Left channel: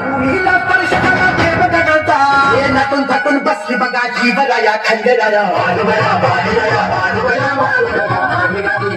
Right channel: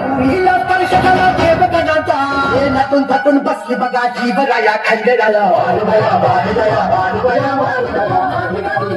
हिला परिषदाला ठेव गणता हे नटून बसली बघा जीवराया खंडेराया बालुबया बालुबया बालुबया बालुबया हे नटून